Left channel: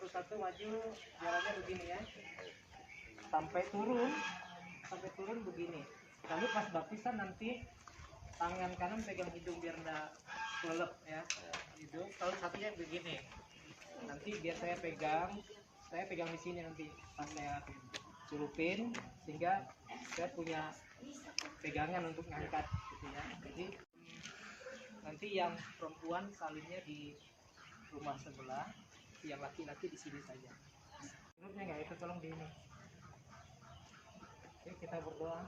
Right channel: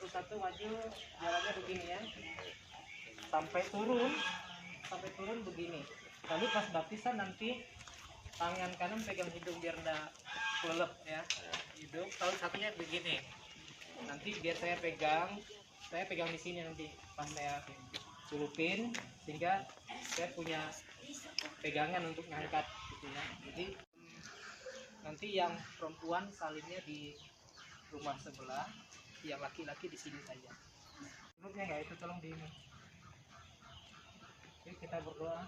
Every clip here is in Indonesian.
satu-satu maju, jalannya begini ya, sampai turun begini. Lalu pas baptisan nanti tangan kanan pegang hidung biar nggak kelelep ya, hidung. Lalu satunya begini. Nanti biar saya pegang di sini nanti pas saya celupin, sehingga saya punya pegangan untuk ngangkat gitu ya. Jadi nanti yang perempuan salinnya di rumah sebelah, yang laki-laki di sini saja. Menurutnya nggak itu, tolong di ini. Oke, kita berdoa.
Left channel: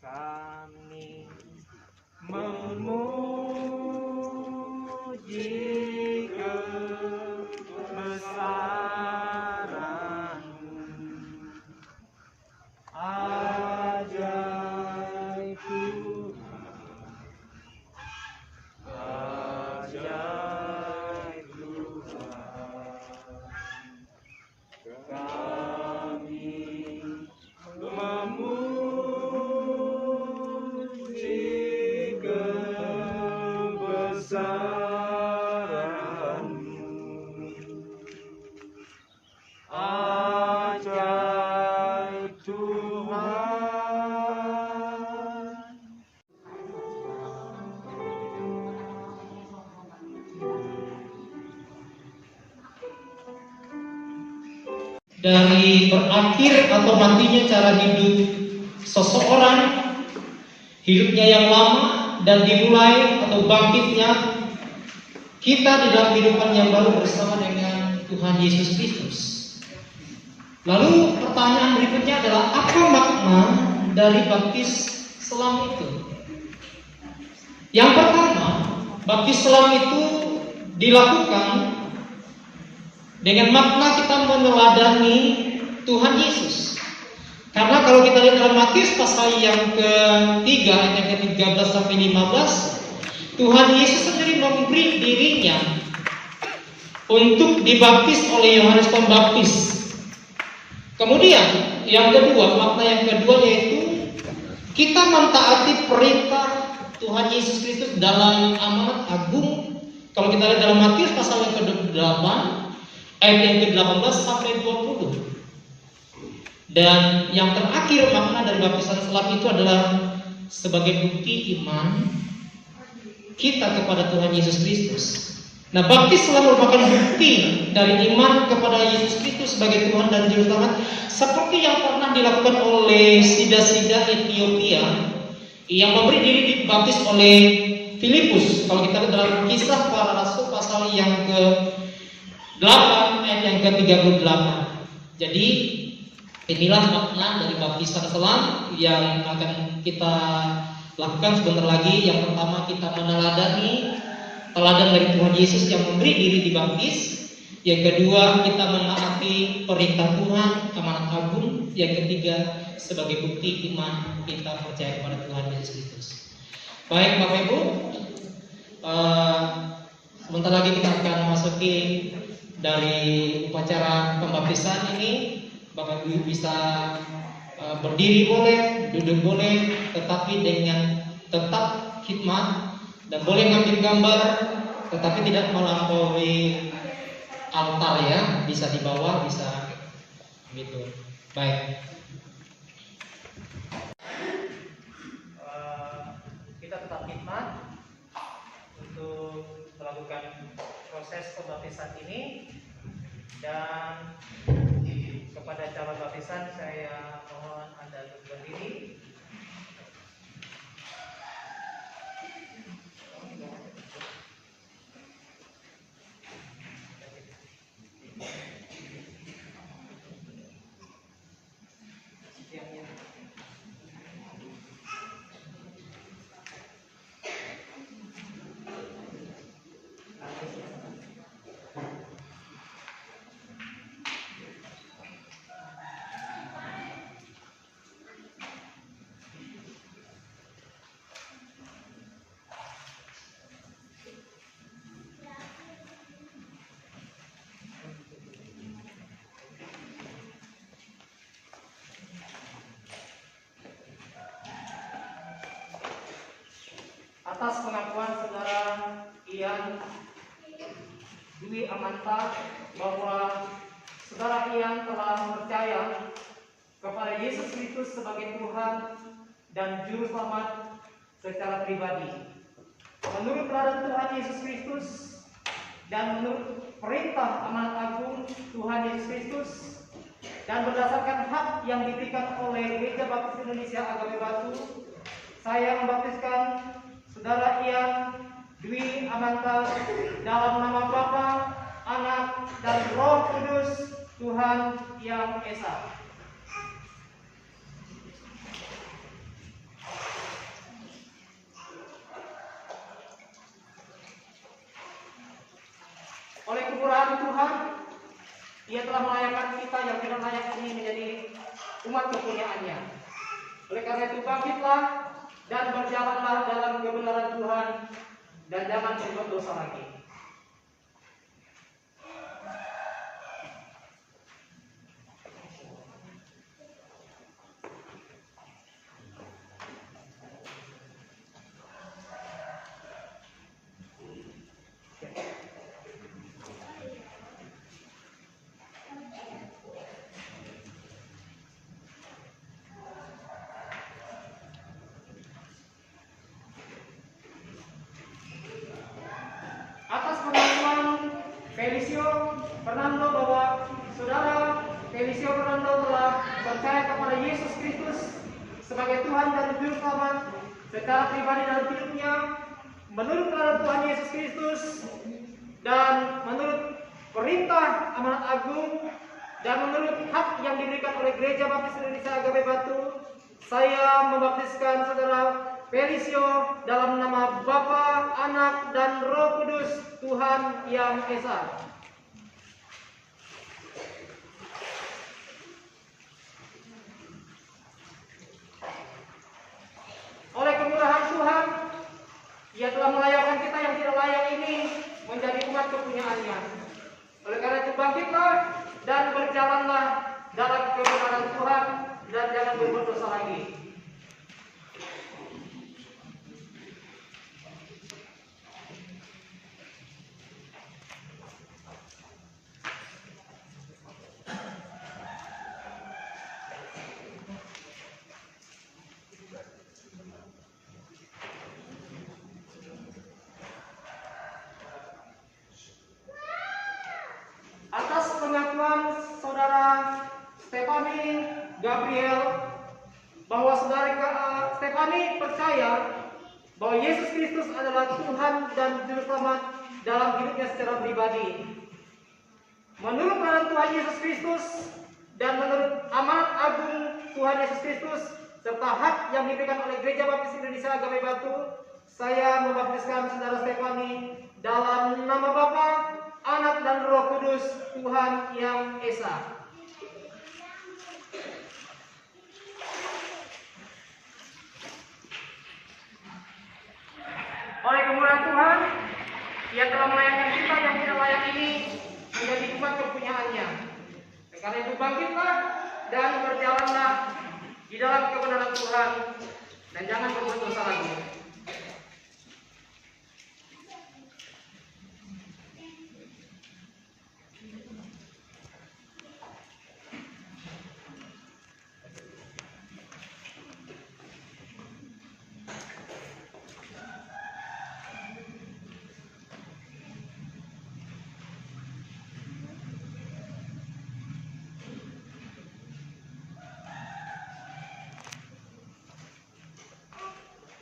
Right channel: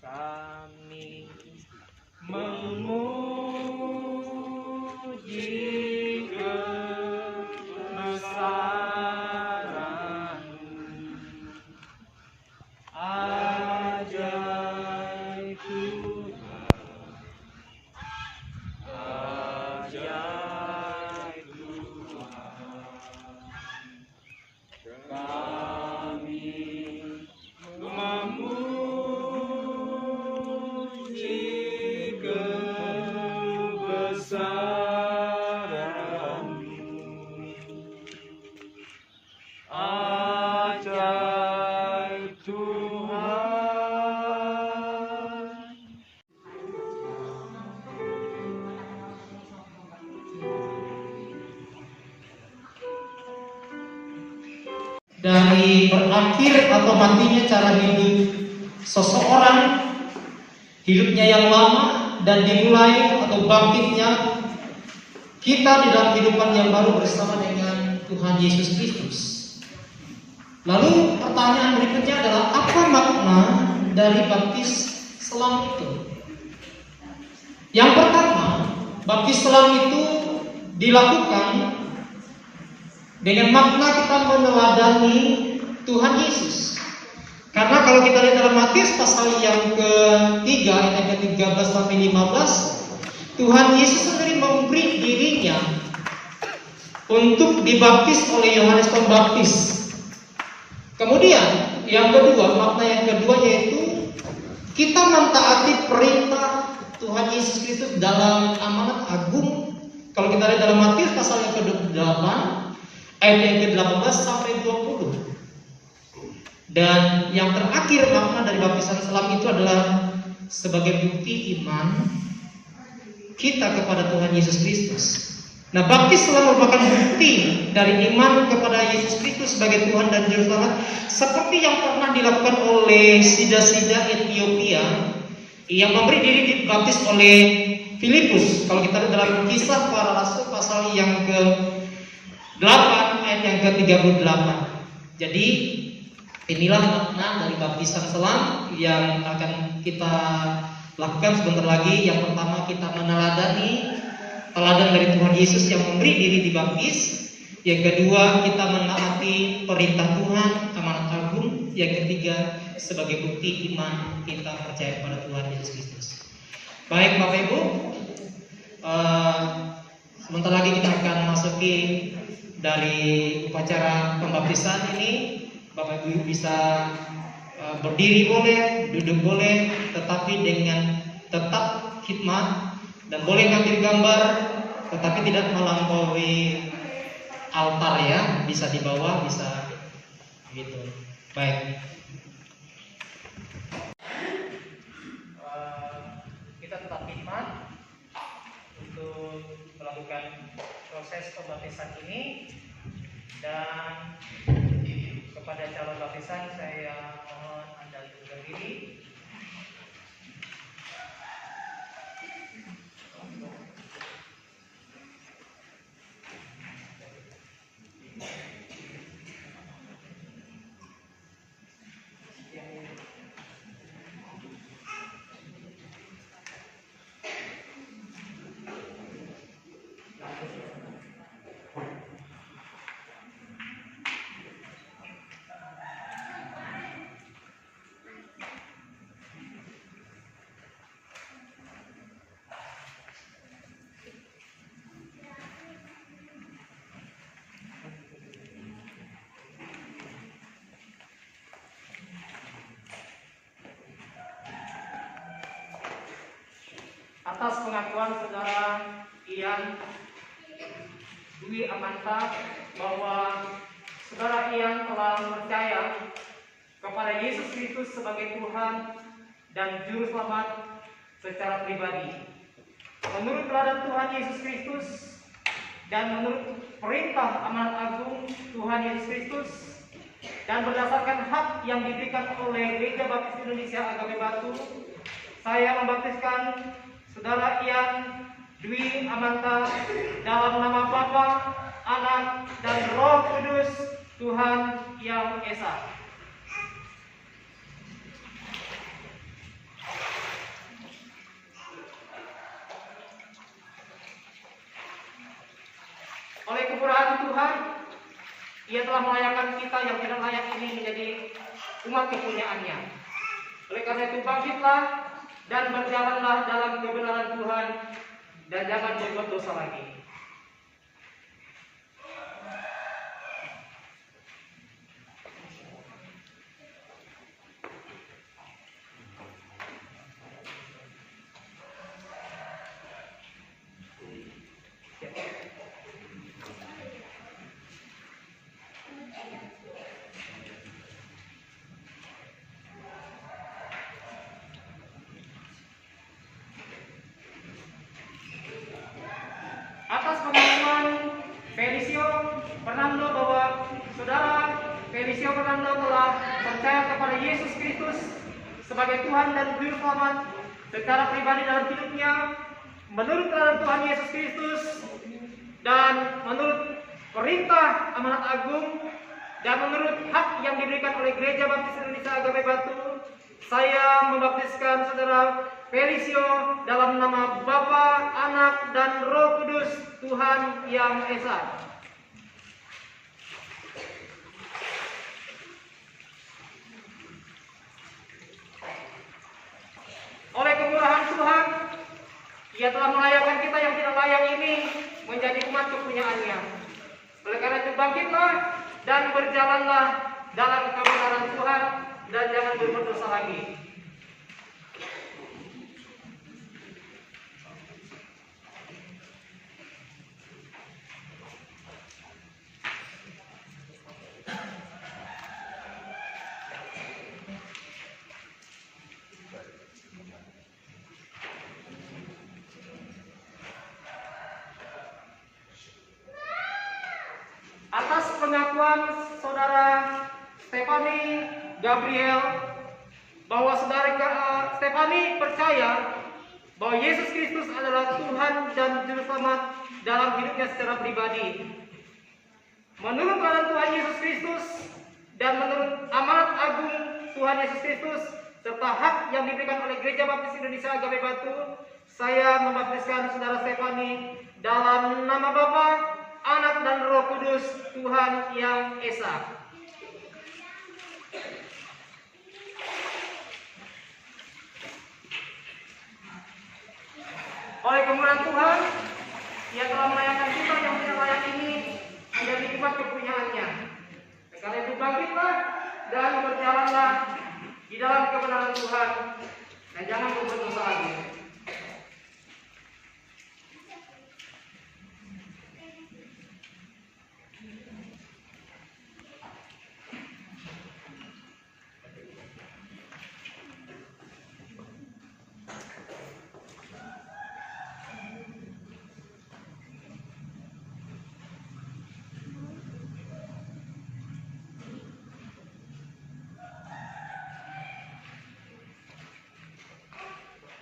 Kami memuji kebesaran-Mu, ajaib Tuhan, ajaib Tuhan. Kami memuji kebesaran-Mu, ajaib Tuhan. Dari berakhir atau matinya cara hidup seseorang, hidupnya yang lama, dan dimulai atau bangkitnya kita di dalam kehidupan yang baru bersama dengan Tuhan Yesus Kristus. Lalu pertanyaan berikutnya adalah, apa makna dari baptis selam itu? Yang pertama, baptis selam itu dilakukan dengan makna kita meneladani Tuhan Yesus. Karena kalau kita lihat dalam Matius pasal yang ke-3 ayat yang ke-13 sampai 15, Tuhan Yesus sendiri memberi dirinya untuk dibaptis oleh Yohanes Pembaptis. Kemudian yang kedua, makna yang kedua yaitu kita mentaati perintah Tuhan Yesus Kristus dalam amanat agung. Kalau kita lihat dalam Matius pasal yang ke-28 ayat yang ke-18 sampai 20. Dan yang terakhir, makna dari baptisan selam itu adalah sebagai bukti iman kita kepada Tuhan Yesus Kristus. Nah, baptis selam merupakan bukti dari iman kepada Yesus Kristus sebagai Tuhan dan Juru Selamat, seperti yang pernah dilakukan oleh Sida-sida Ethiopia yang memberi diri dibaptis oleh Filipus. Kalau kita lihat dalam Kisah Para Rasul pasal yang ke-8 ayat yang ke-38. Jadi inilah makna dari baptisan selam yang akan kita lakukan sebentar lagi. Yang pertama, kita meneladani teladan dari Tuhan Yesus yang memberi diri dibaptis. Yang kedua, kita menaati perintah Tuhan, amanat agung. Yang ketiga, sebagai bukti iman kita percaya kepada Tuhan Yesus Kristus. Baik Bapak Ibu, sebentar lagi kita akan memasuki dari upacara pembaptisan ini. Bapak Ibu bisa berdiri boleh, duduk boleh, tetapi dengan tetap khidmat, dan boleh ngambil gambar, tetapi tidak melampaui altar ya, bisa di bawah, bisa gitu. Baik. Kita tetap khidmat untuk melakukan proses pembaptisan ini, dan kepada calon baptisan saya mohon Anda untuk berdiri. Atas pengakuan saudara yang Dwi Amanta bahwa saudara Ian telah percaya kepada Yesus Kristus sebagai Tuhan dan Juru Selamat secara pribadi. Menurut teladan Tuhan Yesus Kristus dan menurut perintah amanat agung Tuhan Yesus Kristus dan berdasarkan hak yang diberikan oleh Gereja Baptis Indonesia Agape Batu, saya membaptiskan saudara Ian Dwi Amanta dalam nama Bapa, Anak, dan Roh Kudus Tuhan Yang Esa. Oleh kemurahan Tuhan, Ia telah melayakkan kita yang tidak layak ini menjadi umat kepunyaannya. Oleh karena itu bangkitlah dan berjalanlah dalam kebenaran Tuhan dan jangan berbuat dosa lagi. Atas pengakuan Felicio Fernando bahwa saudara Felicio Fernando telah percaya kepada Yesus Kristus sebagai Tuhan dan Juru Selamat secara pribadi dalam hidupnya, menurut teladan Tuhan Yesus Kristus dan menurut perintah amanat agung dan menurut hak yang diberikan oleh Gereja Baptis Indonesia Agape Batu, saya membaptiskan saudara Felicio dalam nama Bapa, Anak, dan Roh Kudus Tuhan Yang Esa. Oleh kemurahan Tuhan, Ia telah melayakkan kita yang tidak layak ini menjadi umat kepunyaannya. Oleh karena itu bangkitlah dan berjalanlah dalam kebenaran Tuhan dan jangan berbuat dosa lagi. Atas pengakuan saudara Stefani Gabriel bahwa saudara Stefani percaya bahwa Yesus Kristus adalah Tuhan dan Juru Selamat dalam hidupnya secara pribadi. Menurut teladan Tuhan Yesus Kristus dan menurut amanat agung Tuhan Yesus Kristus serta hak yang diberikan oleh Gereja Baptis Indonesia Agape Batu, saya membaptiskan saudara Stefani dalam nama Bapa, Anak, dan Roh Kudus Tuhan Yang Esa. Oleh kemurahan Tuhan, Ia telah melayakkan kita yang tidak layak ini menjadi umat kepunyaannya. Karena itu bangkitlah dan berjalanlah di dalam kebenaran Tuhan dan jangan berbuat dosa lagi.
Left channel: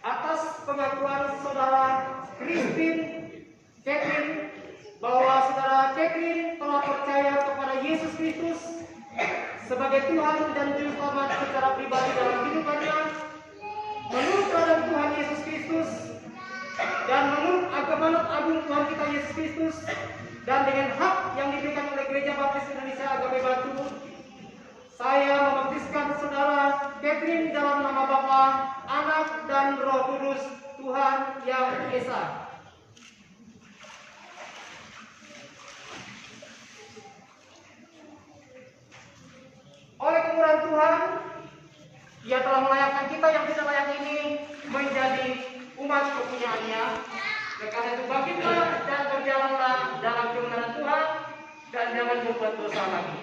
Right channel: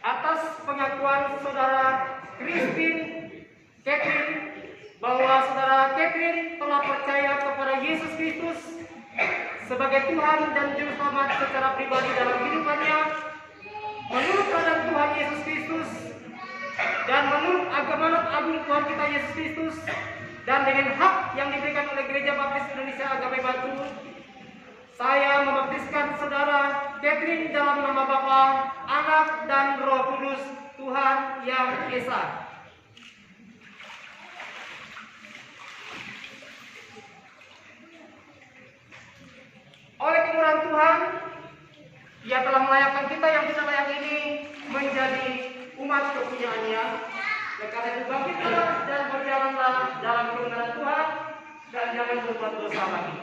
Atas pengakuan saudara Catherine bahwa saudara Catherine telah percaya kepada Yesus Kristus sebagai Tuhan dan Juru Selamat secara pribadi dalam hidupannya, menurut teladan Tuhan Yesus Kristus dan menurut amanat agung Tuhan kita Yesus Kristus dan dengan hak yang diberikan oleh Gereja Baptis Indonesia Agape Batu, saya membaptiskan saudara Catherine dalam nama Bapa, Anak, dan Roh Kudus Tuhan Yang Esa. Oleh kemurahan Tuhan, Ia telah melayakkan kita yang tidak layak ini menjadi umat kepunyaannya. Karena itu bangkitlah dan berjalanlah dalam kebenaran Tuhan dan jangan berbuat dosa lagi.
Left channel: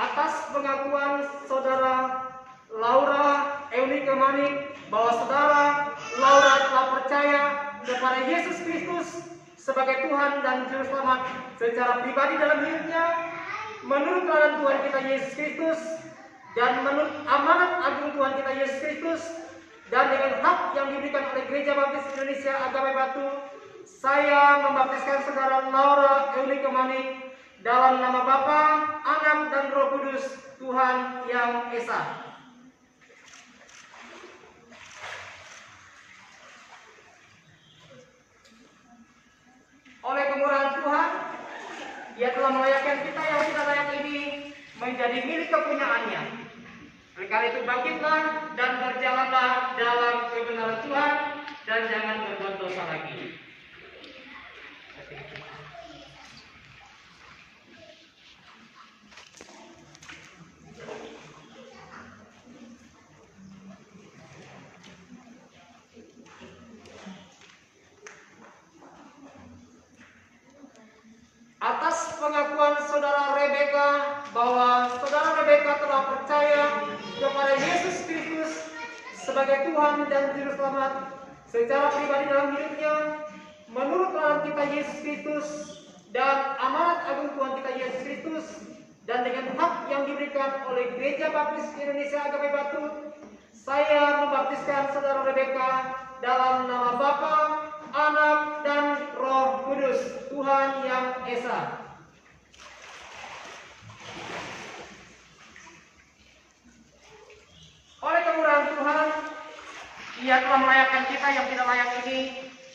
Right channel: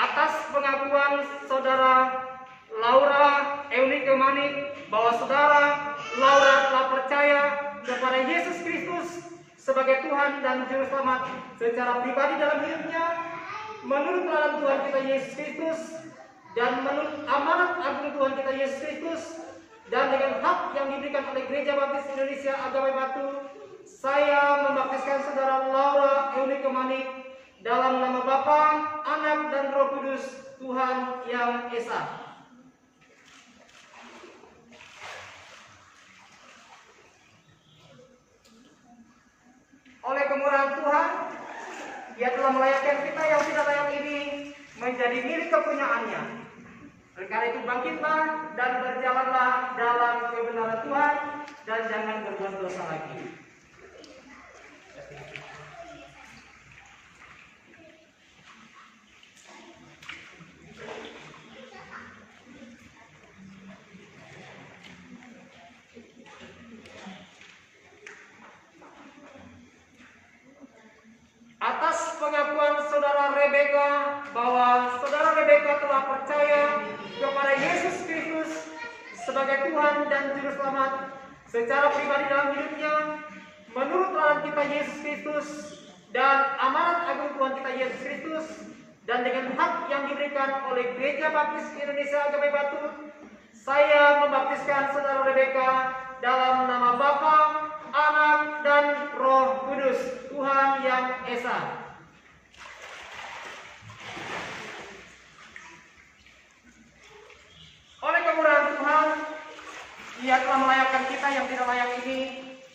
Atas pengakuan saudara Laura Eunike Manik bahwa saudara Laura telah percaya kepada Yesus Kristus sebagai Tuhan dan Juru Selamat secara pribadi dalam hidupnya, menurut teladan Tuhan kita Yesus Kristus dan menurut amanat agung Tuhan kita Yesus Kristus, dan dengan hak yang diberikan oleh Gereja Baptis Indonesia Agape Batu, saya membaptiskan saudara Laura Eunike Manik dalam nama Bapa, Anak, dan Roh Kudus, Tuhan yang Esa. Oleh kemurahan Tuhan, Dia telah melayakkan kita yang tidak layak ini menjadi milik kepunyaannya. Oleh karena itu bangkitlah dan berjalanlah dalam kebenaran Tuhan dan jangan berbuat dosa lagi. Atas pengakuan saudara Rebeka bahwa saudara Rebeka telah percaya kepada Yesus Kristus sebagai Tuhan dan Juru Selamat secara pribadi dalam hidupnya, menurut teladan kita Yesus Kristus dan amanat agung Tuhan kita Yesus Kristus, dan dengan hak yang diberikan oleh Gereja Baptis Indonesia Agape Batu, saya membaptiskan saudara Rebeka dalam nama Bapa, Anak, dan Roh Kudus, Tuhan yang Esa. Oleh kemurahan Tuhan, Dia telah melayakkan kita yang tidak layak ini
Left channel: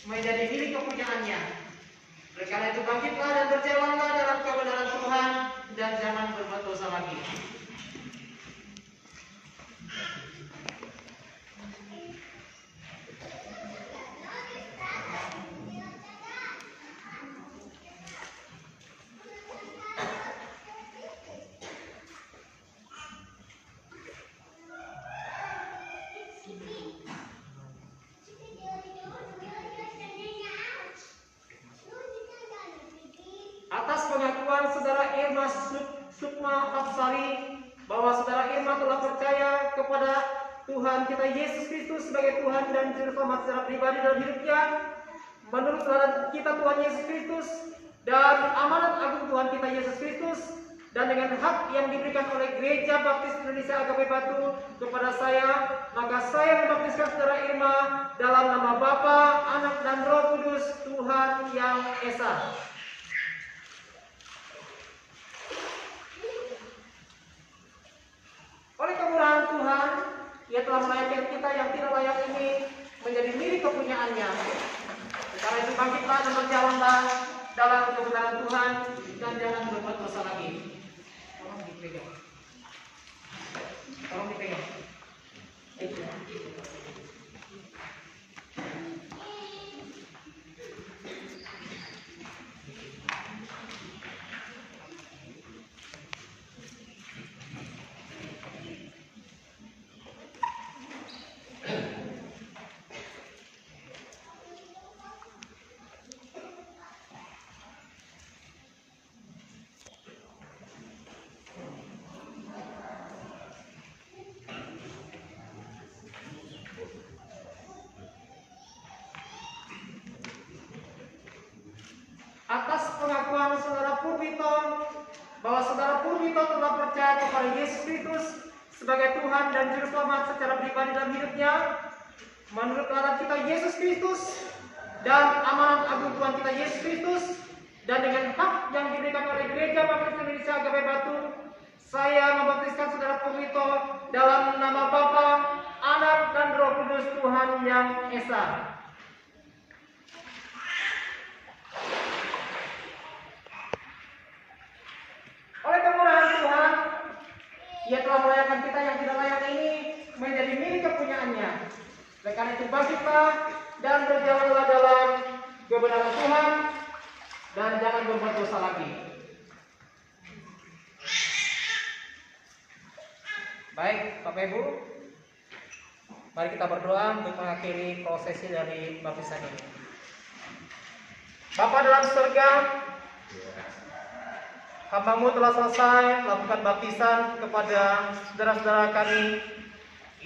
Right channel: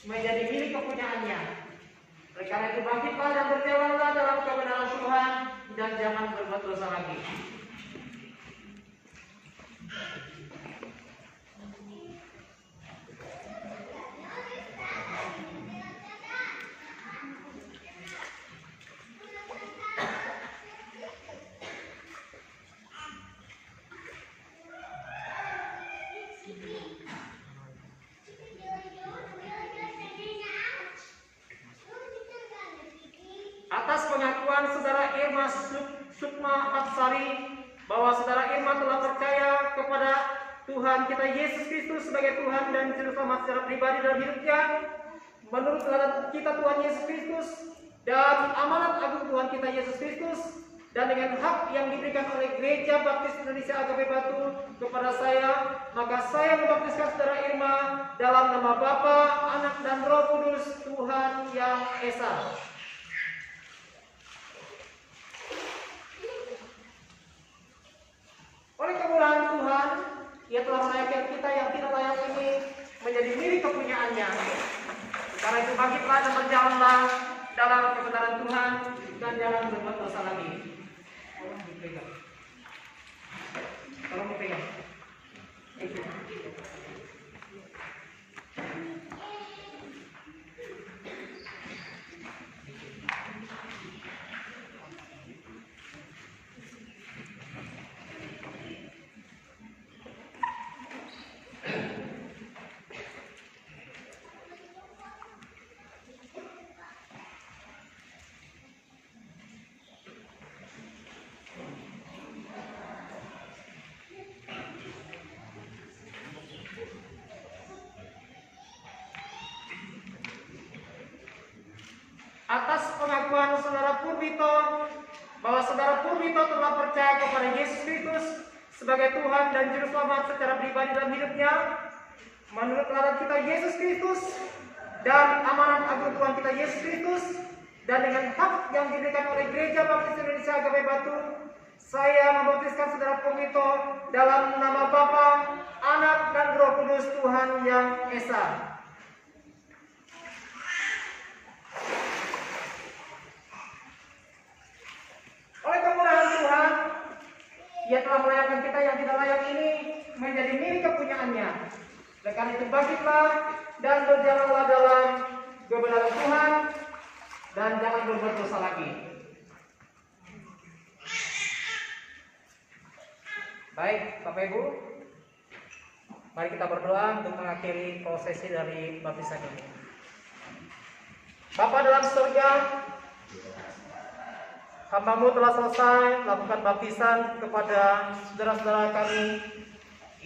menjadi milik kepunyaannya. Oleh karena itu bangkitlah dan berjalanlah dalam kebenaran Tuhan dan jangan berbuat dosa lagi. Atas pengakuan saudara Irma Sukma Hapsari bahwa saudara Irma telah percaya kepada Tuhan kita Yesus Kristus sebagai Tuhan dan Juru Selamat secara pribadi dalam hidupnya, menurut teladan kita Tuhan Yesus Kristus dan amanat agung Tuhan kita Yesus Kristus, dan dengan hak yang diberikan oleh Gereja Baptis Indonesia Agape Batu kepada saya, maka saya membaptiskan saudara Irma dalam nama Bapa, Anak, dan Roh Kudus, Tuhan yang Esa. Oleh kemurahan Tuhan, Ia telah melayakkan kita yang tidak layak ini menjadi milik kepunyaannya. Karena itu bangkitlah dan berjalanlah dalam kebenaran Tuhan dan jangan berbuat dosa lagi. Tolong dipegang. Tolong dipegang. Atas pengakuan saudara Purwito bahwa saudara Purwito telah percaya kepada Yesus Kristus sebagai Tuhan dan Juru Selamat secara pribadi dalam hidupnya, menurut teladan kita Yesus Kristus dan amanat agung Tuhan kita Yesus Kristus, dan dengan hak yang diberikan oleh Gereja Baptis Indonesia Agape Batu, saya membaptiskan saudara Purwito dalam nama Bapa, Anak, dan Roh Kudus, Tuhan yang Esa. Oleh Oleh karena itu bangkitlah dan berjalanlah dalam kebenaran Tuhan dan jangan berbuat dosa lagi. Baik, Bapak Ibu, mari kita berdoa untuk mengakhiri prosesi dari baptisan ini. Bapa dalam surga, hamba-Mu telah selesai melakukan baptisan kepada saudara-saudara kami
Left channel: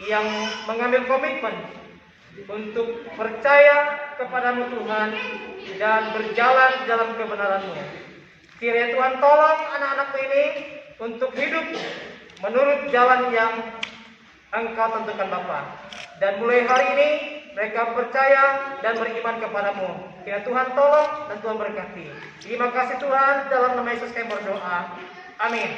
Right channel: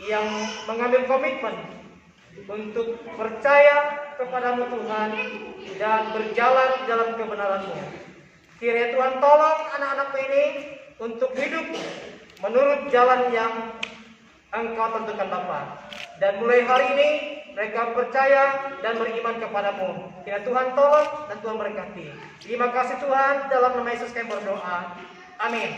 yang mengambil komitmen untuk percaya kepada-Mu Tuhan dan berjalan dalam kebenaran-Mu. Kiranya Tuhan tolong anak-anak-Mu ini untuk hidup menurut jalan yang Engkau tentukan Bapa. Dan mulai hari ini mereka percaya dan beriman kepada-Mu. Kiranya Tuhan tolong dan Tuhan berkati. Terima kasih Tuhan, dalam nama Yesus kami berdoa. Amin.